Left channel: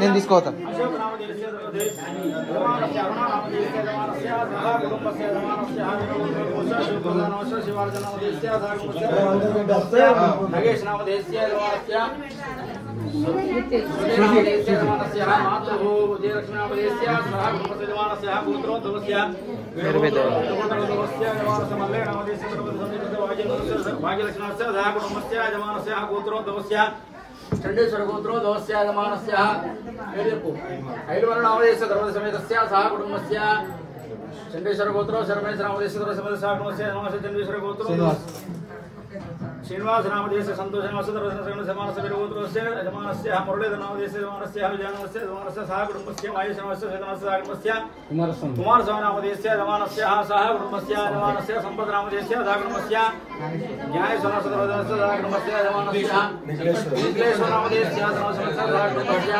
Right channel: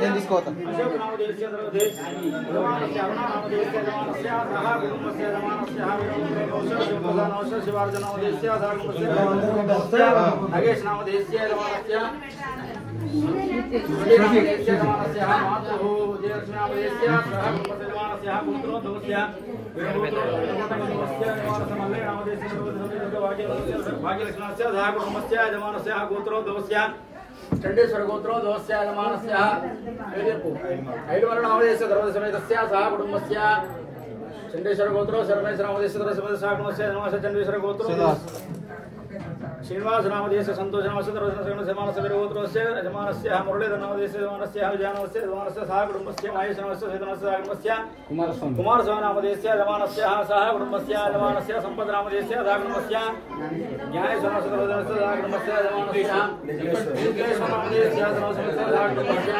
నేను తీసుకోవద్దాం चंडीश्वर गोत्रो दोस्या यजमानस्य ऐलवरनामदेश सर्वसमेतस्य सह कुटुंबस्य चंडीश्वर गोत्रो शर्मेश्वरामदेश सर्वसमेत सह कुटुंबस्य नमः चंडीश्वर गोत्रो श्रीनिवास नामदेश संतोष नामस्य सर्वसमेत गोत्रोस्य यजमानस्य मुरलीधर नामदेश यजमानस्य विजयानस्य यजमानस्य सह कुटुंबस्य महेश नामस्य वेदनस्य सह कुटुंबस्य कुमार स्वामी नामदेश यजमानस्य सह कुटुंबस्य यजमानस्य संपद नामदेश सह कुटुंबस्य ज्ञानेश्वर नामस्य सर्वसमेत सह कुटुंबस्य यजमानस्य विश्लेश्वर नामदेश सर्वसमेत सह कुटुंबस्य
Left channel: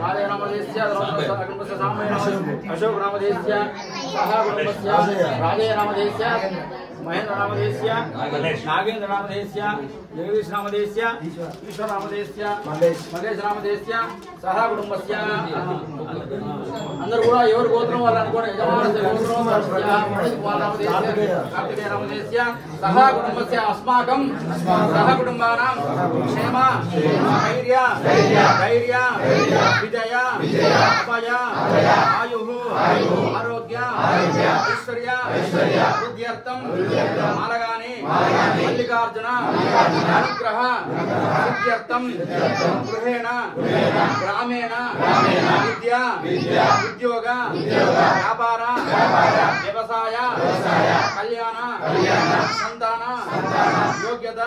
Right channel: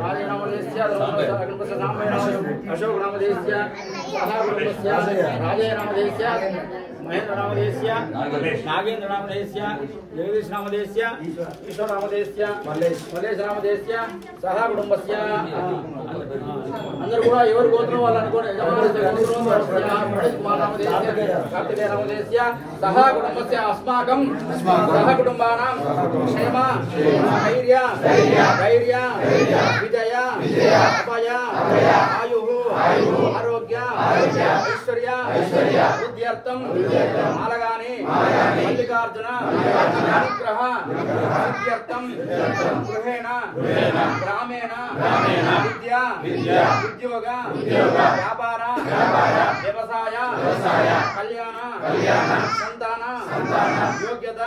राज नामदेश सर्वसमेत सह कुटुंबस्य अशोक नामदेश सह कुटुंबस्य राजे नामदेश महेंद्र नामदेश नागेंद्र नामदेश जगदीश नामदेश ईश्वर नामदेश मल्लेश नामदेश सह कुटुंबस्य अंदर కూడా ఎవరు గోత్రం వాళ్ళు అనుకోండి యజమానस्य గోత్రం ధర్మస్య పండిత్ కుమార్ నామదేశ కార్తికేయ నామదేశ సహ కుటుంబस्य अस्माकं సహ కుటుంబానాం క్షేమ ధైర్య విజయ అభయ ఆయుః ఆరోగ్య ఐశ్వర్య వృద్ధ్యర్థం మాలగాని మల్లికార్జున అనుగ్రహ సిద్ధ్యర్థం గృహేణ గ్రామేణ విద్య ఉద్యోగ వ్యాపార వ్యవసాయ కళ్యాణ సంతాన యోగ్యత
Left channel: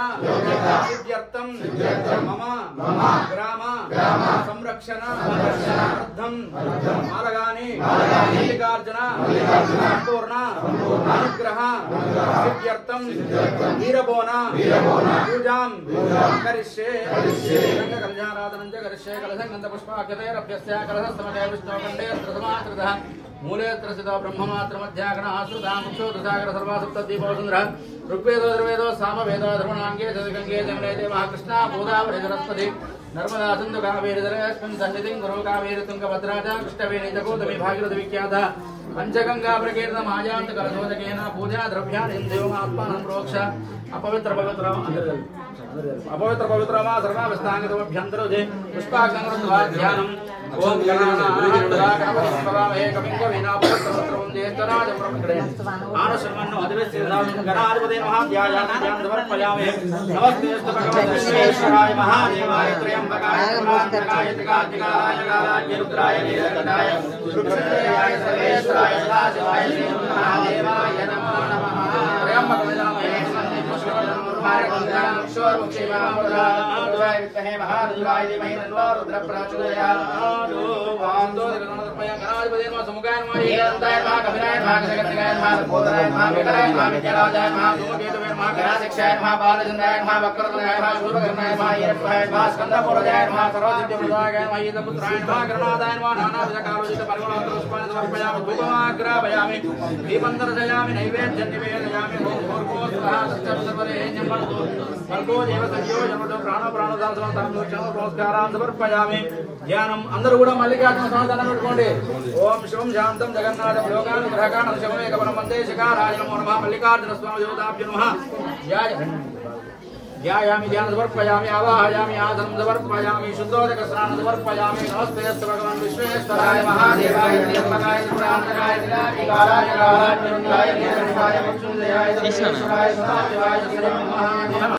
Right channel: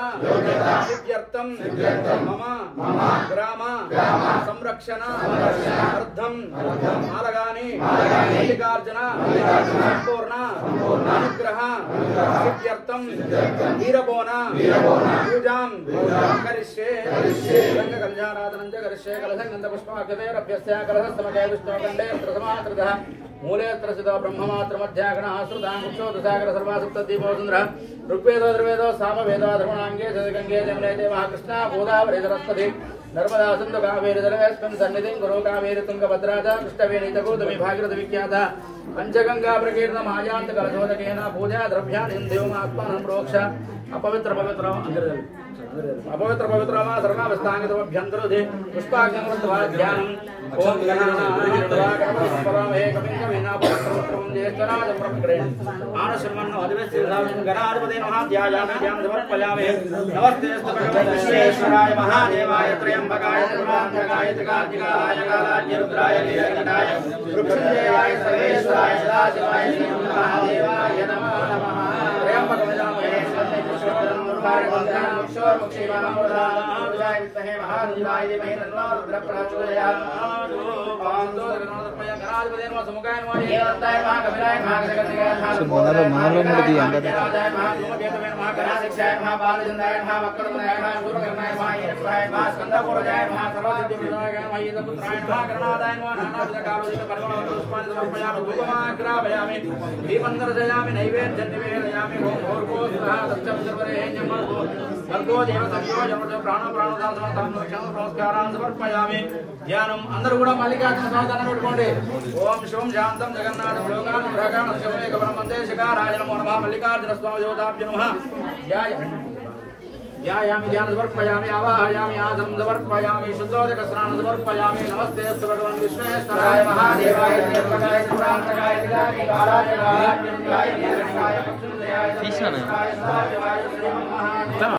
సిద్ధ్యర్థం మమ గ్రామ సంరక్షణ అర్థం మాలగాని మల్లికార్జున సంపూర్ణ అనుగ్రహ సిద్ధ్యర్థం వీరబోన పూజాం కరిష్యే రంగ కళ్యాణాదనం చ కరిష్యే కలశం గంధ పుష్పాక్షతైరభ్యస్య కలశస్తమకే విష్ణోఖండే త్రసమాత్రతః మూలే త్రసితో బ్రహ్మమాత్ర మధ్యాగణ ఆశ్రుతా ముక్షోదసాగర సర్వాసుప్తదీపోసుంద్ర ఋగ్వేదో ధృవేదో సామవేదో ధర్మణాంగే గంగే జమునే దేవః కృష్ణ గోదావరి సరస్వతి నర్మదా సింధు కావేరి జలేస్మిన్ సన్నిధిం గురు కావేరి తుంగభద్రా చ కృష్ణవేణి చ గోదావరి భాగీరథి విఖ్యాత पंचगंगा प्रकीर्तन माजांत कलशोदकेन पूजा द्रव्याणि देवमात्मानं प्रोक्ष अपवित्र पवित्र अपवित्र पवित्र मा सर्वावस्थांगतोभ्यंतरोधे पुष्पाक्षंगत्वाध्यानम् ओम गणानां कविं कवीनापवित्रवत्रं ज्येष्ठराजं प्रमुखे आनशर्मन्नो अधिवेशनं गणाधिपते नमः ध्यायामि ध्यानं समर्पयामि नमस्तेऽस्तु भगवते विश्वेश्वराय महादेवाय त्र्यंबकाय त्रिपुरान्तकाय त्रिकान्तिकाय कालाय रुद्राय नीलकण्ठाय वृक्षदेवाय सर्वेश्वराय सदाशिवाय महादेवाय नमः त्र्यंबकमजामहे ధ్యానం అందరూ కూడా మల్లికార్జున స్వామి దండం పెట్టుకోండి. ఓం శివం శాంతం జగన్నాథం లోకానుగ్రహకాణం శివమేక పరమందే శిఖారాయ నమో నమః మల్లికార్జున స్వామి దేవతాభ్యో నమః ధ్యాయామి ధ్యానం సమర్పయామి ఆవాహయామి ఆసనం సమర్పయామి శుద్ధోదక స్నానం సమర్పయామి నమస్తే భగవాన్ విశ్వేశ్వరాయ మహాదేవాయ త్ర్యంబకాయ త్రిపురాంతకాయ త్రికాలాయ కాలాయ